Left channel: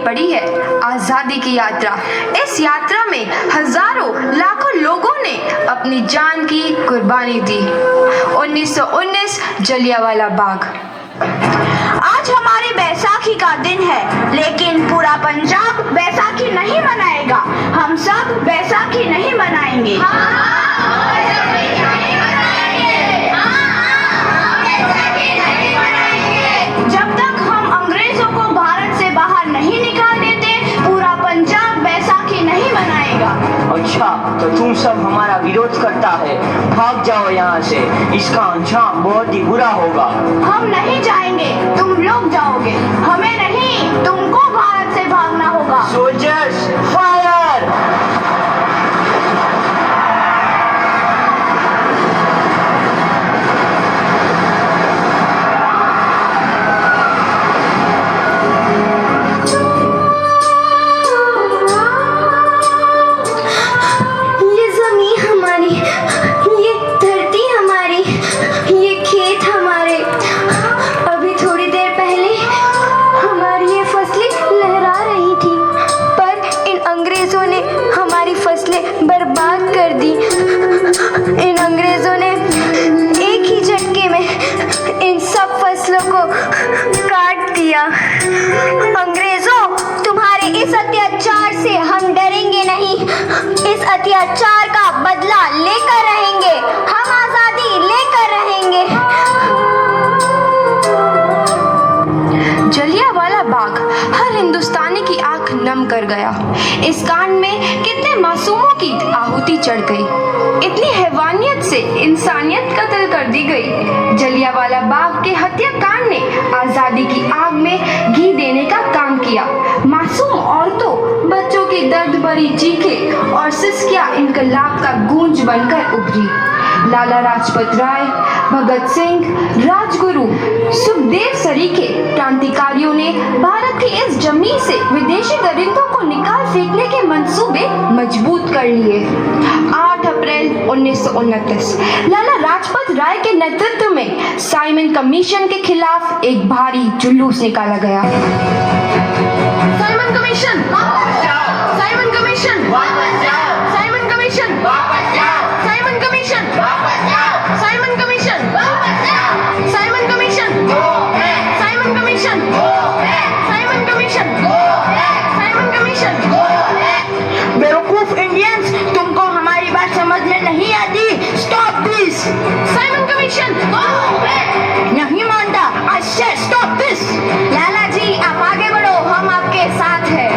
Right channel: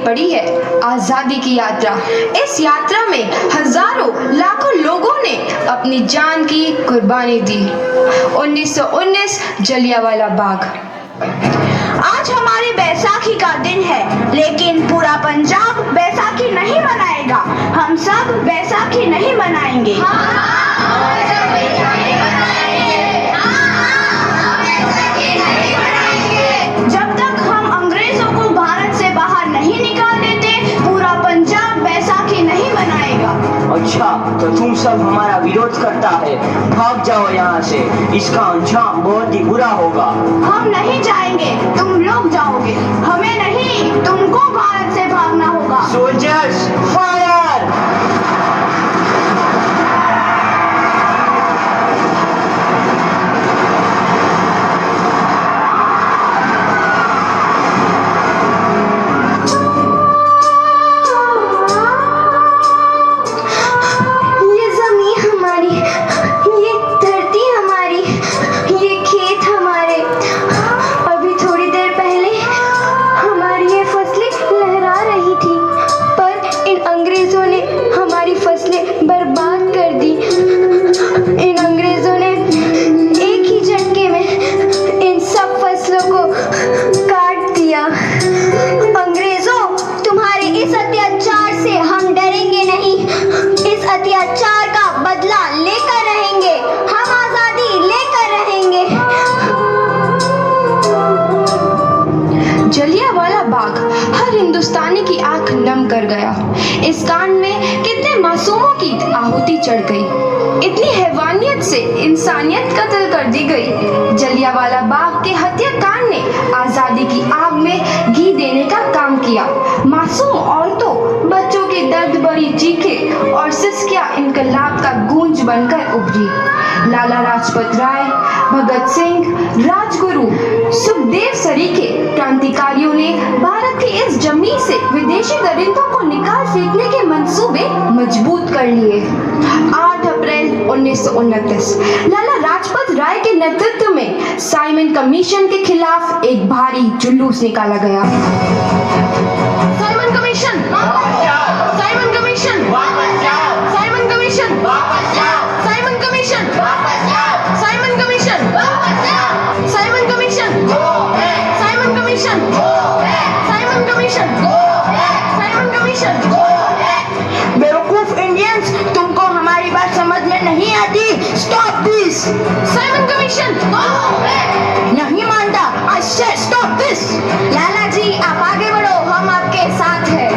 पड़ी है आजादी की यात्रा। इस यात्रा में हजारों लाखों लोगों ने अपनी जान की कुर्बानी दी। 1919 जलियांवाला बाग। आज हमारी बैसाखी का दिन है, लेकिन पूरा पंजाब बैसाखी नहीं मनाएगा। हम सब बैसाखी नहीं मनाएंगे। जब तक हम अंग्रेजों को भारत से बाहर नहीं निकाल देते, पूरा पंजाब बैसाखी नहीं मनाएगा। अच्छा, तो तुम सब हमारा विरोध करता है, भाग जाओ यहाँ से। इसका अंजाम बहुत ही बुरा होगा। हम नहीं जाएंगे, तुम लोग जाओगे। हमें नहीं, तुमको भारत से भागना होगा। Soldiers fire! जलियांवाला बाग हर हिंदुस्तानी की आंख नम कर गया। इस कांड में कितने मासूमों की आहुति चढ़ गई। इतनी हैवानियत से इंसानियत कत्ल कर दी गई। जलियांवाला बाग के हत्याकांड ने आजादी की आग में घी देने का काम किया। मासूम औरतों, बच्चों की दर्द भरी चीखें और सिसकियां इनकलाब का गूंज बनकर उभरी। लाला लाजपत राय, भगत सिंह, राजगुरु, सुखदेव सरीखे क्रांतिकारियों ने भारत की इस जमीन से विदेशी दरिंदों को निकाल फेंकने के मंसूबे मजबूत कर लिए। 8 अप्रैल 1929 लाला लाजपत राय के नेतृत्व में साइमन कमीशन के खिलाफ एक भारी जुलूस निकाला गया। Simon commission, Simon commission, Simon commission, Simon commission, Simon commission, Simon commission, Simon commission, Simon commission, Simon commission. बेवकूफ इंडियंस, तुमको हमारी बात समझ में नहीं आती। Stop this. साइमन कमीशन नहीं मानता। आई से स्टॉप दिस। लाला जी, आप आगे बढ़ो, हम आपके साथ हैं।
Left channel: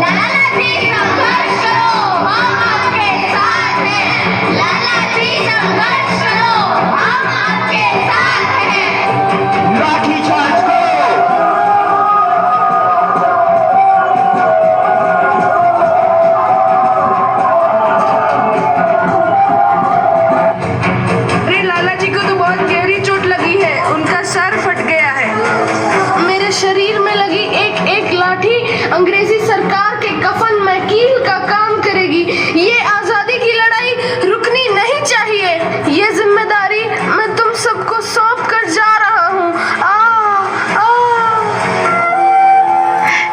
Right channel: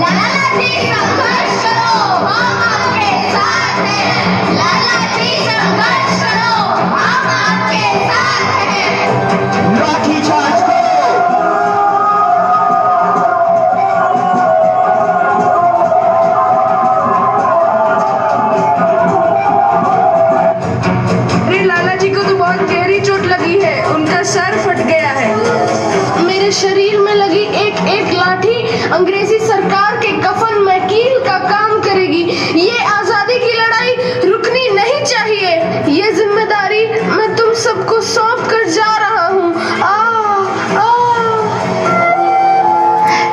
लाला जी, संघर्ष करो, हम आपके साथ हैं। लाला जी, संघर्ष करो, हम आपके साथ हैं। लाठी चार्ज करो! अरे लाला जी को तो बहुत गहरी चोट लगी है, उनका सर फट गया है। मेरे शरीर में लगी एक एक लाठी अंग्रेजी सरकार के कफन में कील का काम करेगी। ये आजादी की लड़ाई रुकनी नहीं चाहिए। ये जिम्मेदारी मैं तुम सबको सौंप कर जा रहा हूँ।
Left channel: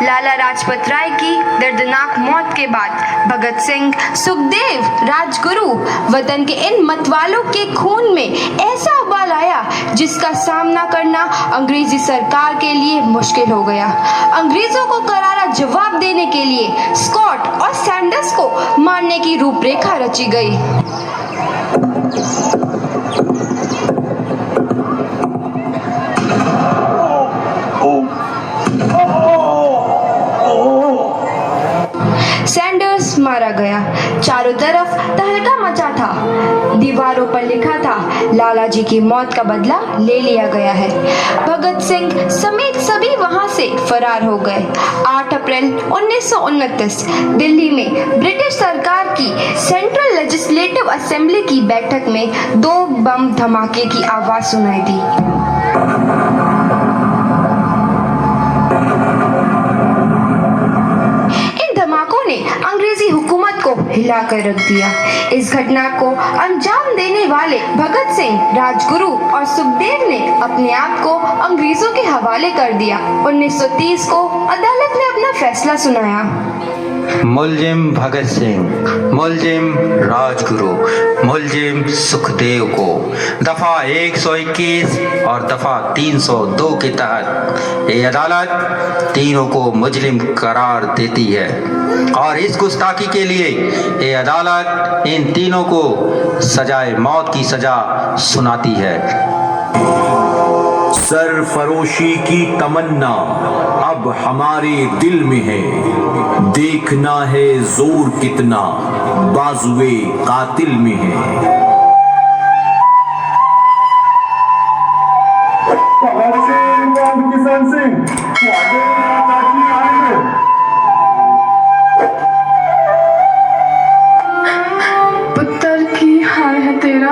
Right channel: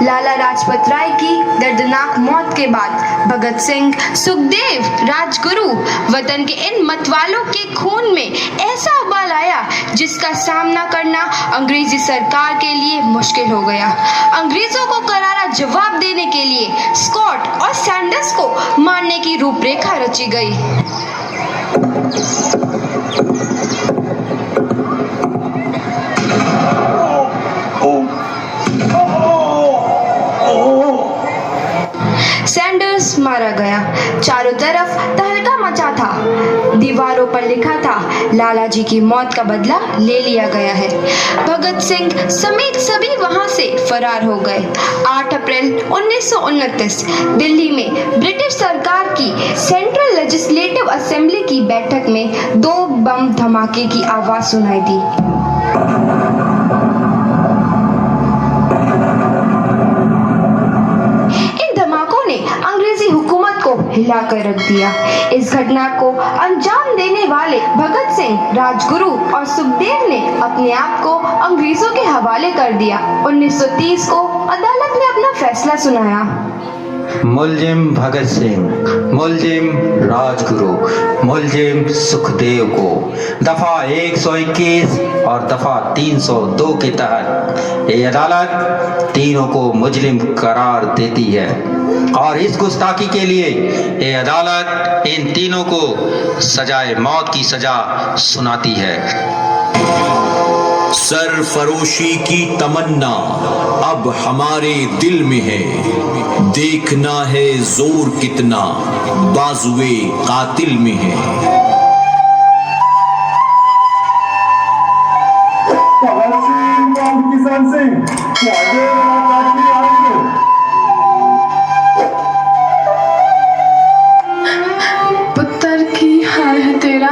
लाला लाजपत राय की दर्दनाक मौत के बाद भगत सिंह, सुखदेव, राजगुरु वतन के इन मतवालों के खून में ऐसा उबाल आया जिसका सामना करना अंग्रेजी सरकार के लिए मुश्किल हो गया। अंग्रेजों को करारा जवाब देने के लिए स्कॉट और सैंडर्स को मारने की रूपरेखा रची गई। सैंडर्स मारा गया। चारों तरफ तहलका मचा था। दीवारों पर लिखा था, लाला जी की मौत का बदला ले लिया गया है। भगत सिंह समेत सभी वहां से फरार हो गए। 8 अप्रैल 1929 दिल्ली में ब्रिटिश सरकार की सेंट्रल लेजिस्लेटिव असेंबली की बैठक में 2 बम धमाके की आवाज सुनाई दी। हिलाकर रख दिया। इस घटना को अंजाम देने वाले भगत सिंह, राजगुरु और सुखदेव ने अपने आप को अंग्रेजों के हवाले कर दिया। 1930 को अदालत ने अपना फैसला सुनाया। मुलजिम भगत सिंह, मुलजिम राजगुरु, मुलजिम सुखदेव को दफा 121 और दफा 302 के तहत ये अदालत तीनों को मुजरिम करार देती है और इस गुस्ताखी के लिए ये अदालत इन तीनों को सजाए मौत की सजा सुनाती है। सरफरोशी की तमन्ना अब हमारे दिल में है, देखना है जोर कितना बाजुए कातिल में है। किसान सिंह आगे पुत्र की हाल है तेरा।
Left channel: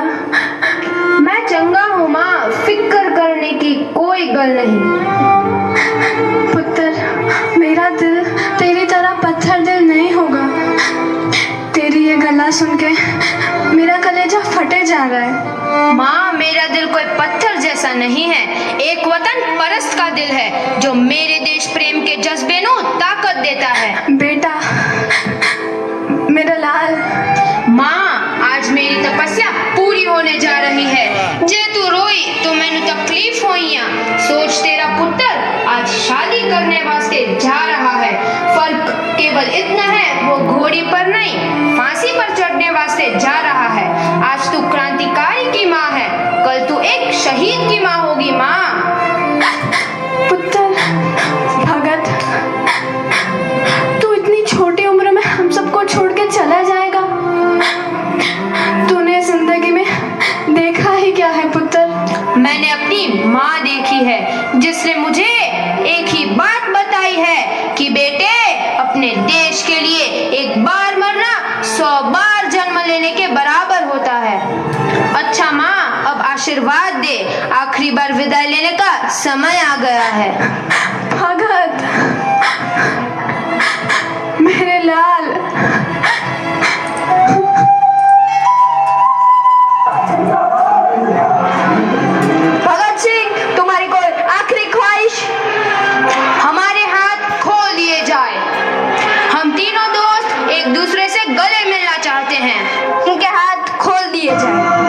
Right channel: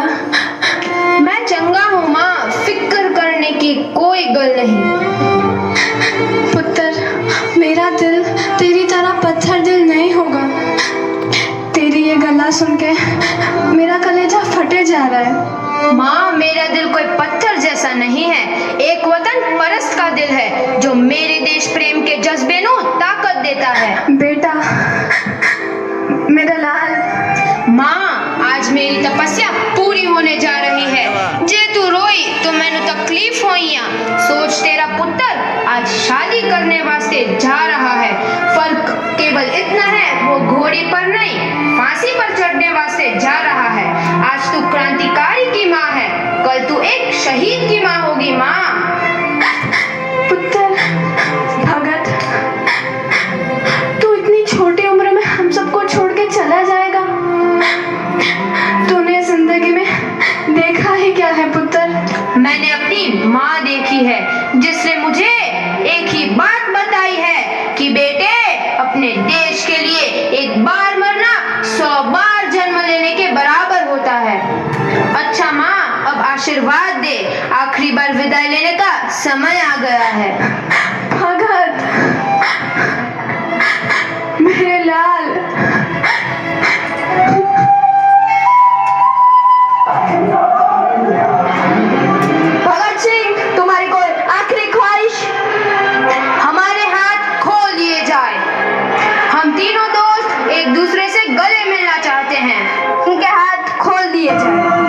मैं चंगा हूँ माँ, फिक्र करने की कोई गल नहीं। पुत्र मेरा दिल तेरी तरह पत्थर दिल नहीं होगा। तेरी ये गला सुन के मेरा कलेजा फटे जा रहा है। माँ, मेरा दिल कोई पत्थर जैसा नहीं है, एक वतन परस्त का दिल है जो मेरे देश प्रेम के जज्बे को ताकत देता है। बेटा मेरा लाल। माँ, आज मेरी तपस्या पूरी होने जा रही है। जे तू रोई तो मैंने तकलीफ होइया। सोच, तेरा पुत्र आज शादी करने वास्ते जा रहा है। फर्क केवल इतना है, वो घोड़ी पर नहीं फांसी पर चढ़ने वास्ते जा रहा है। आज तू क्रांतिकारी की माँ है, कल तू एक शहीद की माँ होगी। माँ, पुत्र भगत, तू इतनी छोटी उम्र में हम सबको छोड़ के चला जाएगा। तूने जिंदगी में देखा ही क्या है पुत्र? मैंने अपनी माँ देखी है जिसने मुझे एक ही बात बताई है कि बेटे, अपने देश के लिए एक बार मरना 100 बार जन्म लेने के बराबर होता है। अच्छा माँ, अब आशीर्वाद दे, आखिरी बार विदाई लेने का समय आ गया है। भगत मेरे लाल। भगत सिंह, तुम्हारी कोई आखिरी ख्वाहिश? हमारे हाथ खोल दिए जाए। हम तीनों दोस्त एक दूसरे से गले मिलना चाहते हैं, उनके हाथ खोल दिए जाए।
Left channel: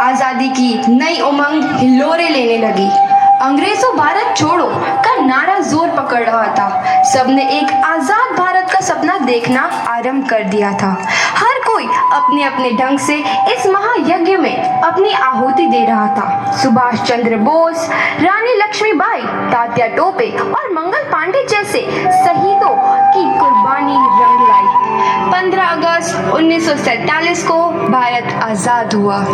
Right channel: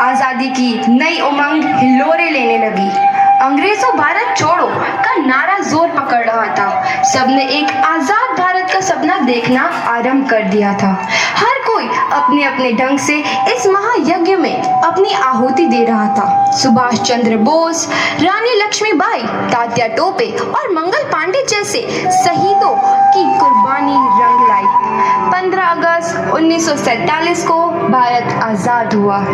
आजादी की नई उमंग हिलोरे लेने लगी। अंग्रेजों भारत छोड़ो का नारा जोर पकड़ रहा था। सबने एक आजाद भारत का सपना देखना आरंभ कर दिया था। हर कोई अपने अपने ढंग से इस महायज्ञ में अपनी आहुति दे रहा था। सुभाष चंद्र बोस, रानी लक्ष्मीबाई, तात्या टोपे और मंगल पांडे जैसे शहीदों की कुर्बानी रंग लाई। 15 अगस्त 1947 को भारत आजाद हुआ।